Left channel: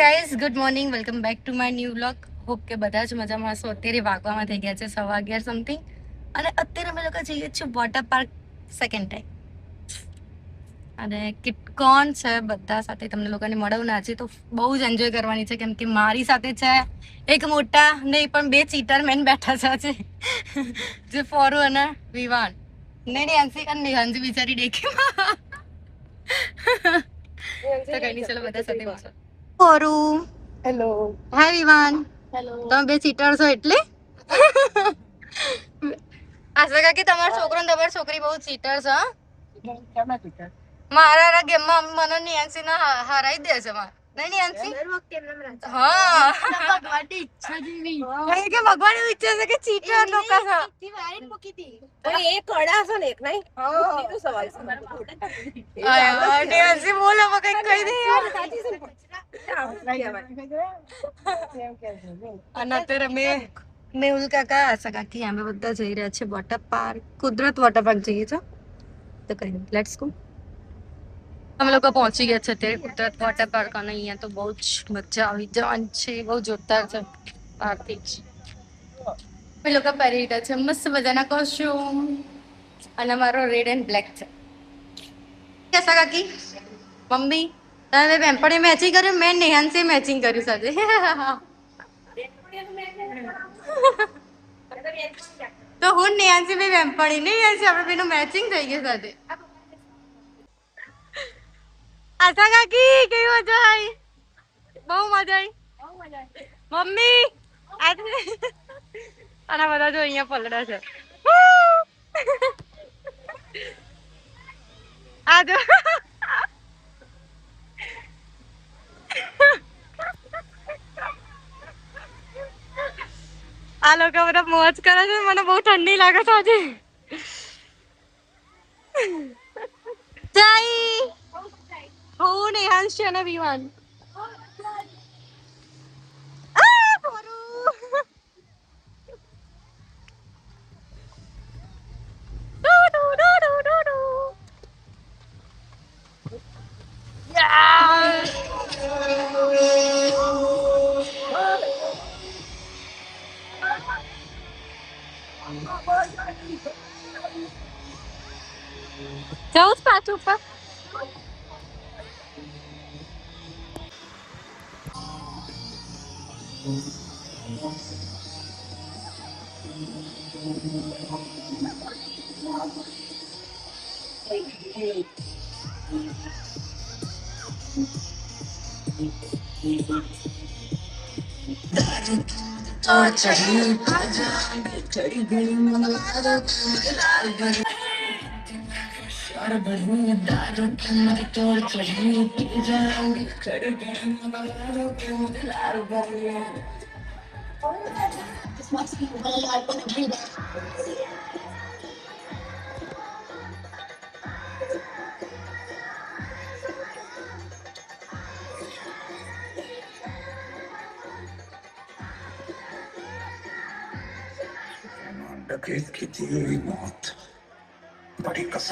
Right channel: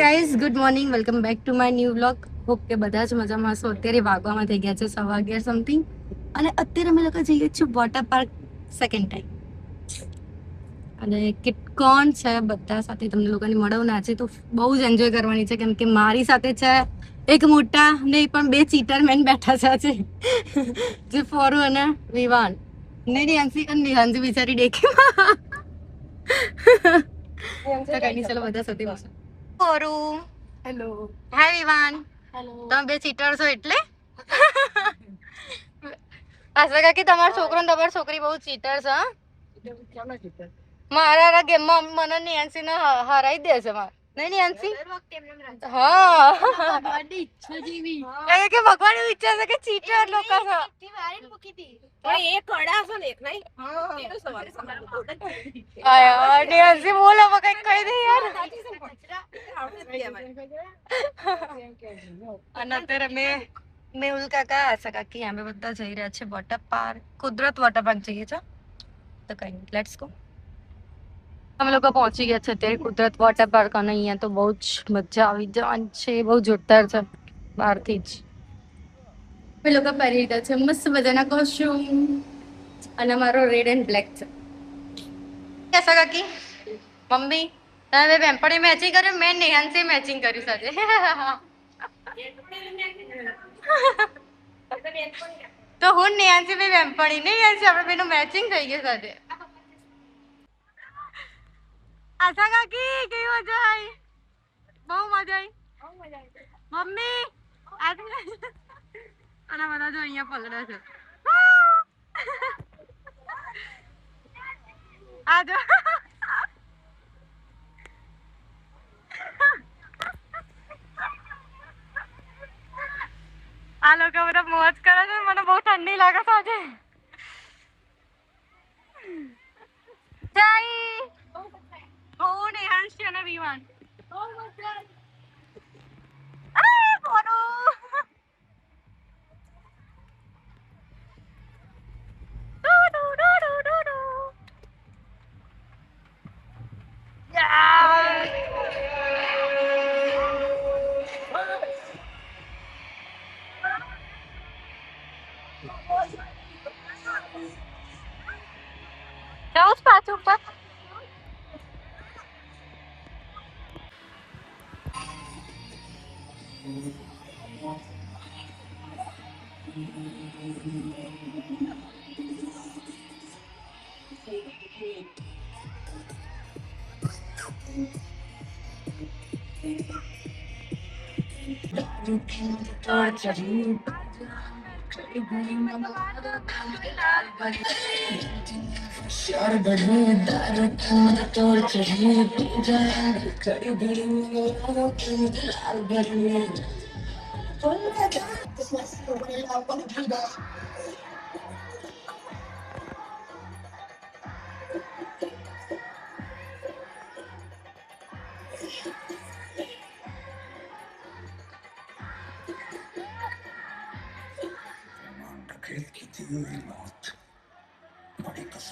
Guys, good morning, welcome back to my new vlog. Hope કે બધા જ મજામાં હશો. અત્યારે વાગવામાં થઈ ગયા છે 11:15 સમથિંગ, અને અત્યારે અમે લોકો જઈએ છીએ વોટર પાર્ક સેકન્ડ ટાઈમ. અને કોણ છે બધા સાથે તમને લોકોને મળવું આજે તો બહુ જ એન્જોય કરવાની છે, કેમ કે મારી સાથે છે એક મોટા નહીં પણ બે ચીટર મેન બેઠા છે આજે, જે ફોરુ અને વિવાન ને નેન્સી અને નિહાંસી બિચારી દેખીમાં. તો કઈ નહીં, ચલો બધા સાથે મળો. ફોરુ, હેલો, હાય વિવાન, હેલો. તમે બે ચીટર છો એટલે આશા કાકી તમારો છોકરો ને તમારી છોકરી બહુ ચીટર છે. કેમ ચીટર? મારા ગેમમાં મને નેન્સી ને હરાઈ દે છે. નહીં નેન્સી? હા, ભગવાનની ઈચ્છા જેવી કે ભગવાન એવું ઈચ્છે છે કે ચીટર લોકો છે. એ કડા છે ને એક નહીં. એનો સવાલ છે. નેન્સી બોલો કઈ કહી દે યાર. અને અત્યારે મેહુલ કાકા, આશા કાકી, અમે બધા જઈ રહ્યા છે વોટર પાર્ક, કુદરત વોટર પાર્ક જઈએ છે. તો કઈ નહીં, લેટ્સ ગો. અમે લોકો પહોંચી ગયા છે અત્યારે કુદરત વોટર પાર્ક, અને અહીંયા તો બહુ જ મજા આવી જવાની છે. બહુ જોરદાર છે બહારથી જ. અમે લોકો પહેરી રહ્યા છે મસ્ત મજાના કોસ્ટ્યુમ, અને અમારો રેડ એન્ડ બ્લેક છે. આશા કાકી, મમ્મી, તમે બેનપણી મેચિંગ કર્યું, મેં નેહાન્સી મેચિંગ કર્યું સાથે. તો હું નેહાન્સી બે બેનપણી નહીં, નેહાન્સી આપણે બેનું મેચિંગ થઈ ગયું સાથે. આશા કાકી કેવી મજા આવી? બહુ મજા આવી. મમ્મી અને બધા જો અહીંયા પલડા છે. આ જો આ લોકો બધા મોજ કરે છે. મને બહુ ઠંડી લાગે છે આજે. જય હું નેહાંશી અને વિવાન. જવું પાછું ઉપર.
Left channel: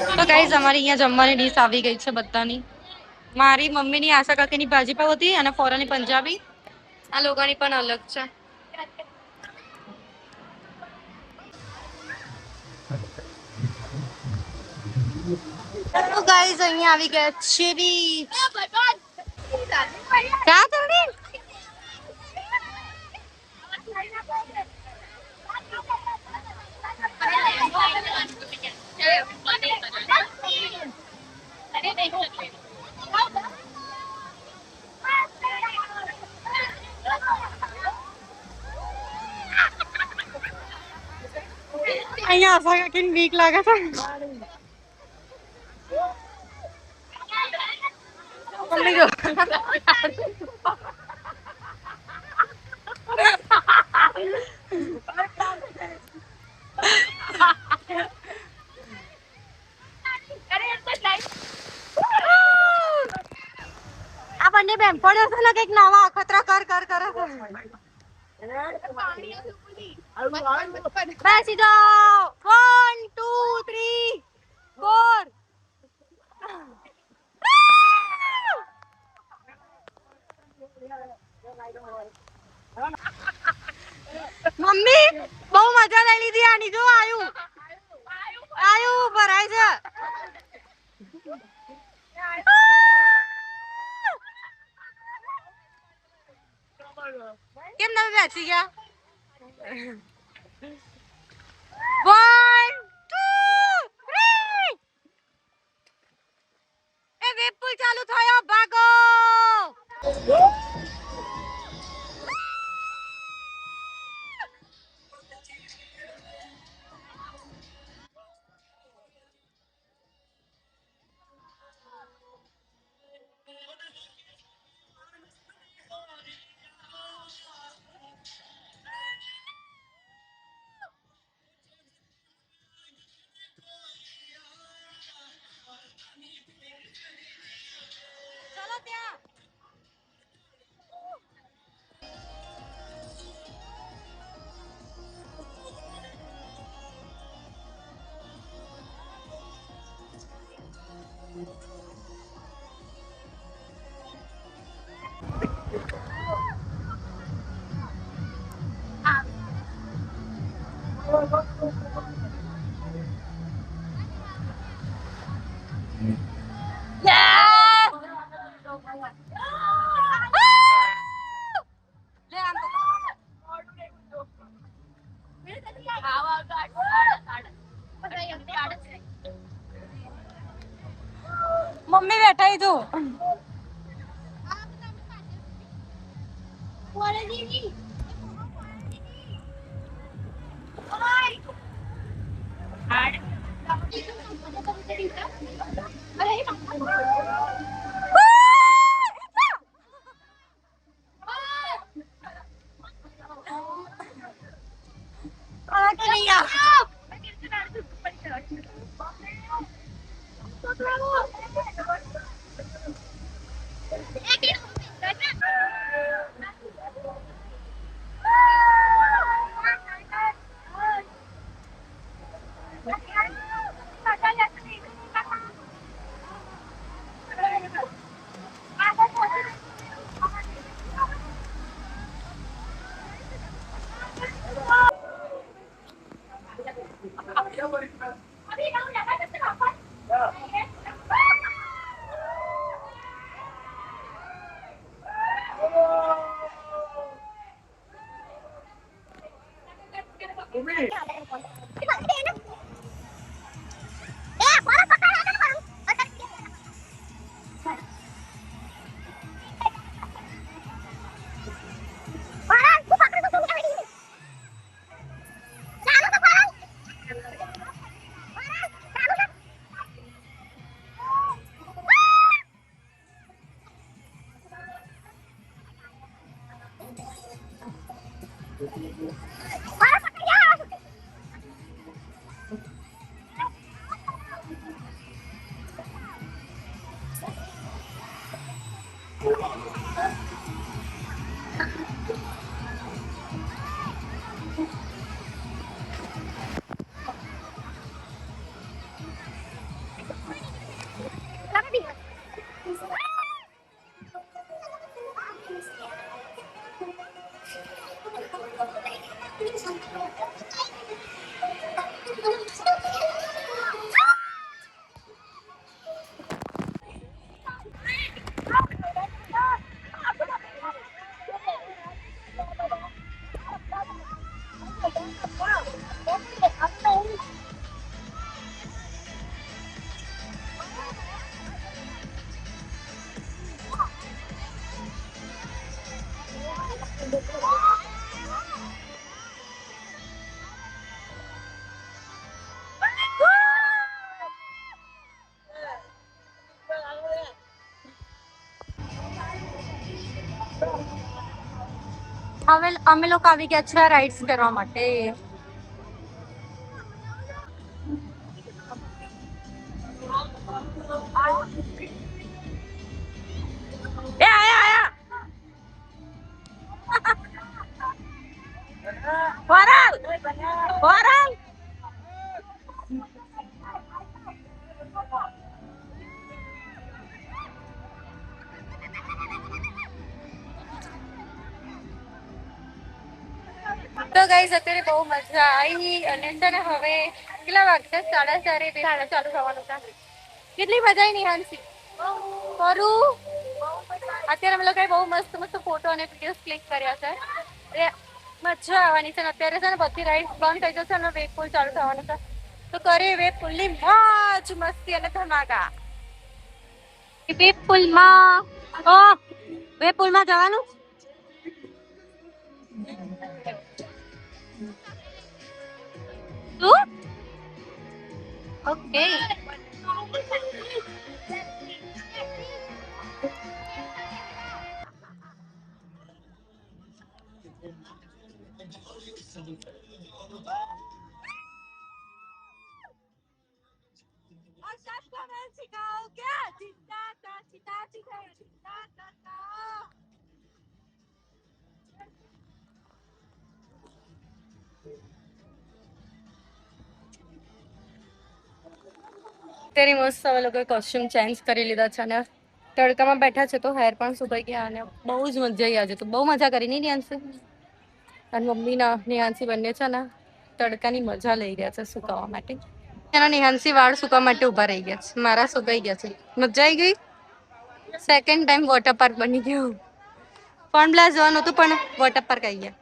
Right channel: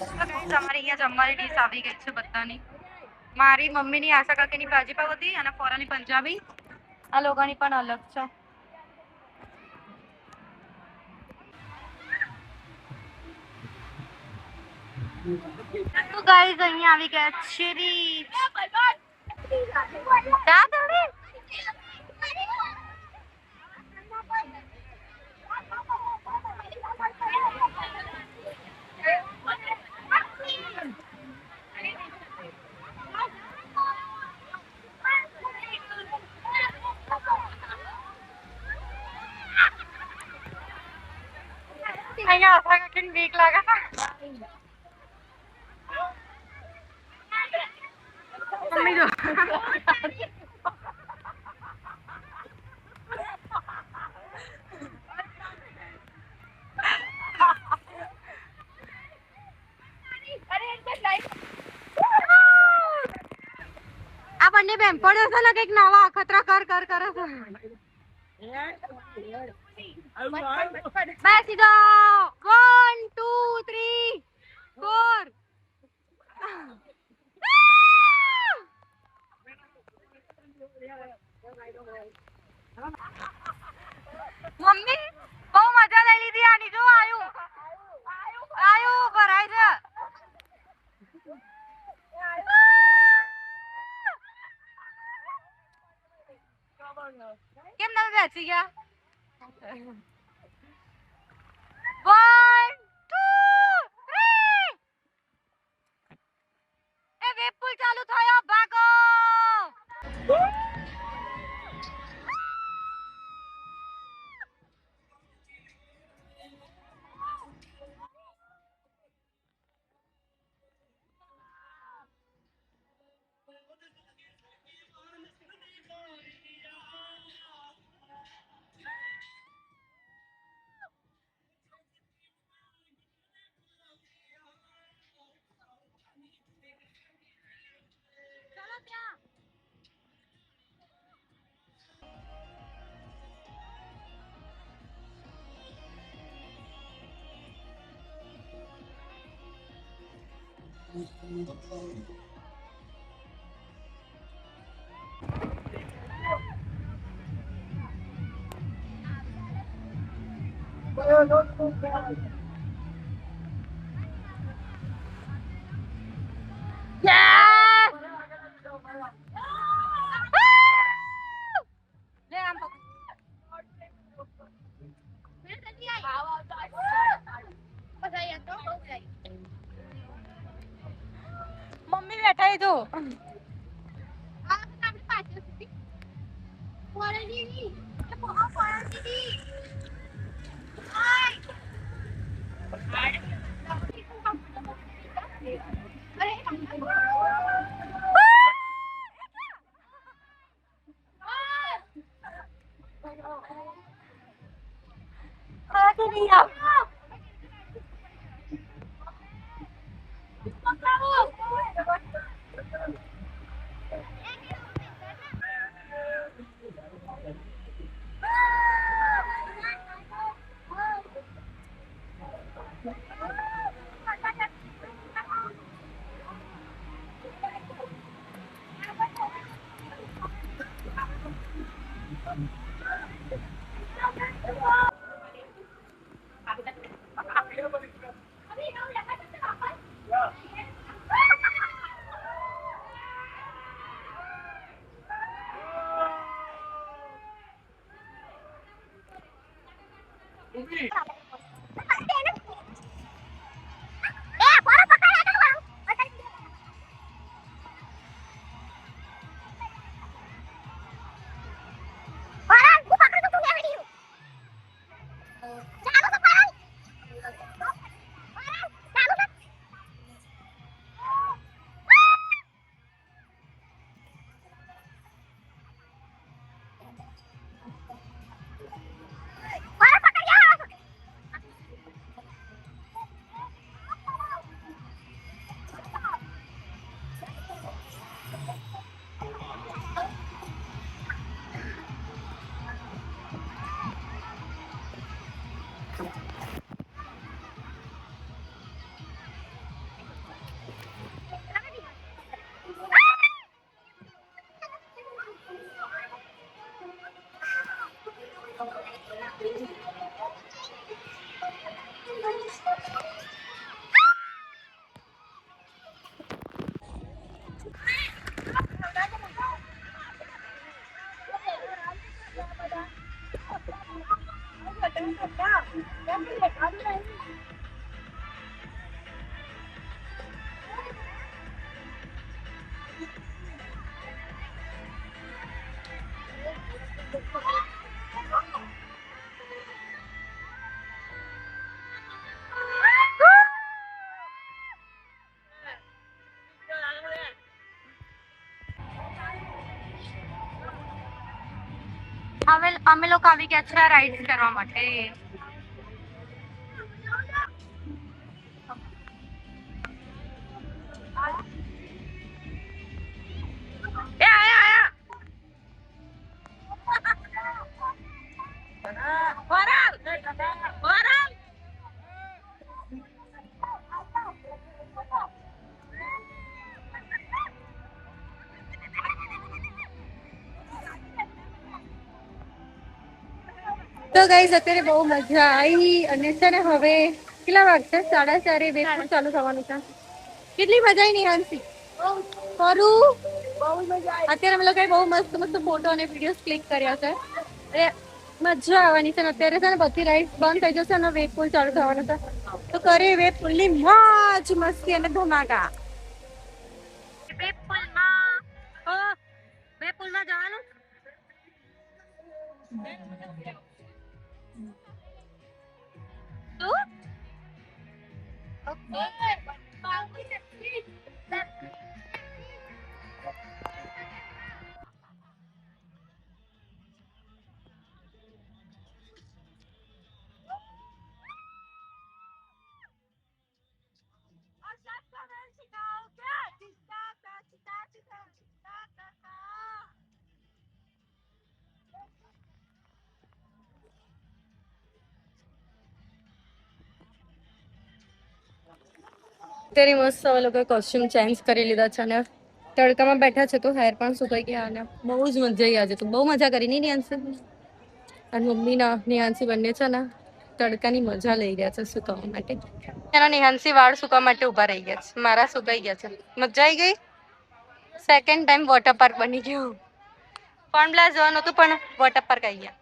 તો ગાઈઝ, અમારી અહીંયા જમવાની ડીશ આવી ગઈ છે બધાની. મારી મમ્મીની, આશા કાકીની ભાજી પાવ હતી, અને ફોરાની પંજાબી. આ લોકોની પણ અલગ છે. તો ગાઈઝ, અહીંયા આવી ગયા છે ચા તરણી. અહીંયા આશા કાકીને બીક લાગે છે. મમ્મી જો આ બંને બેનપણીઓ છે ને કઈક નવા અખતરા કરે છે. બેસી જાઓ. 1 2 3 4. મમ્મી બહુ મજા લઈ લીધી આની. જો આયું આયું ભરાય છે. કેમ તમે બેસી ગયા? 1 2 3 એ વેબ પુલ ચાલુ થયો, ભાગો. ચલો ત્યાં. Yes! લે આમ તો. મમ્મી બેઠા તું. હવે અમે લોકો આવી ગયા છે રાઇડ્સ કરવા માટે. એ આયા આયા વરાલ વરાલ. તો ગાઈસ અત્યારે બહુ મજા આવી અને છે ને હવે કેટલા વાગશે 4:30 વેબ પૂલ ચાલુ થવાનું છે. કેટલી મજા આવી નિહાંશી કરું અત્યારે અમે લોકોએ બહુ મસ્ત મસ્ત ફોટો અને વિડીયોઝ ક્લિક કર્યા છે. અરે મજા આવવાની છે ને અત્યારે છે ને બધી રાઈડ બંધ થઈ જશે અને વેબ પૂલ ચાલુ થવાનું છે. તો કરે વેબ પૂલ ની મોજ મસ્તી અને ધમાકા. વેબ પૂલમાં વેબ પૂલમાં જવાનું શું ઓકે તેરી મસ્ત હવે લોકો કોસ્ટ્યુમ ચેન્જ કરી લીધા છે અને તડકામાં બેઠા છે તો હેર પણ સુકાઈ ગયા અને બહુ જ મજા આવી આજે તો બહુ મજા કરી નહીં નિહાંશી અને મમ્મી ના નિહાંશી બંને છે ને તડકાની મજા લઈ રહ્યા છે સુકાવા માટે. એના નિહાંશી વાળ સુકવા માટે ઉભા રહી ગયા છે. મારા સુકાઈ ગયા છે. મજા આવી ગઈ. સેકન્ડ ટાઈમ વોટર પાર્ક બની ગયું. ફન બ્લાસ્ટ જવાનું હતું પણ વોટર પાર્ક આવી ગયા.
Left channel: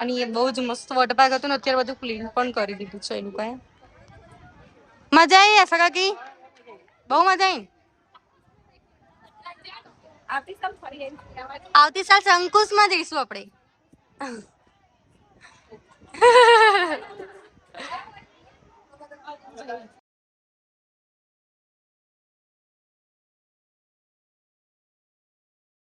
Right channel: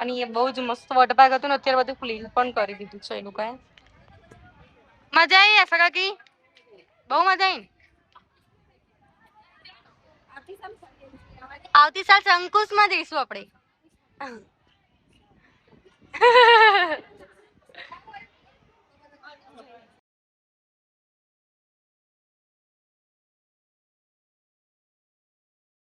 અને એ બહુ જ મસ્ત વોટર પાર્ક હતું ને અત્યારે બધું ક્લીન પણ કરી દીધું છે એ લોકોએ. મજા આવી આશા કાકી બહુ મજા આવી. આવતી સાલ અંકુશ માં જઈશું આપણે.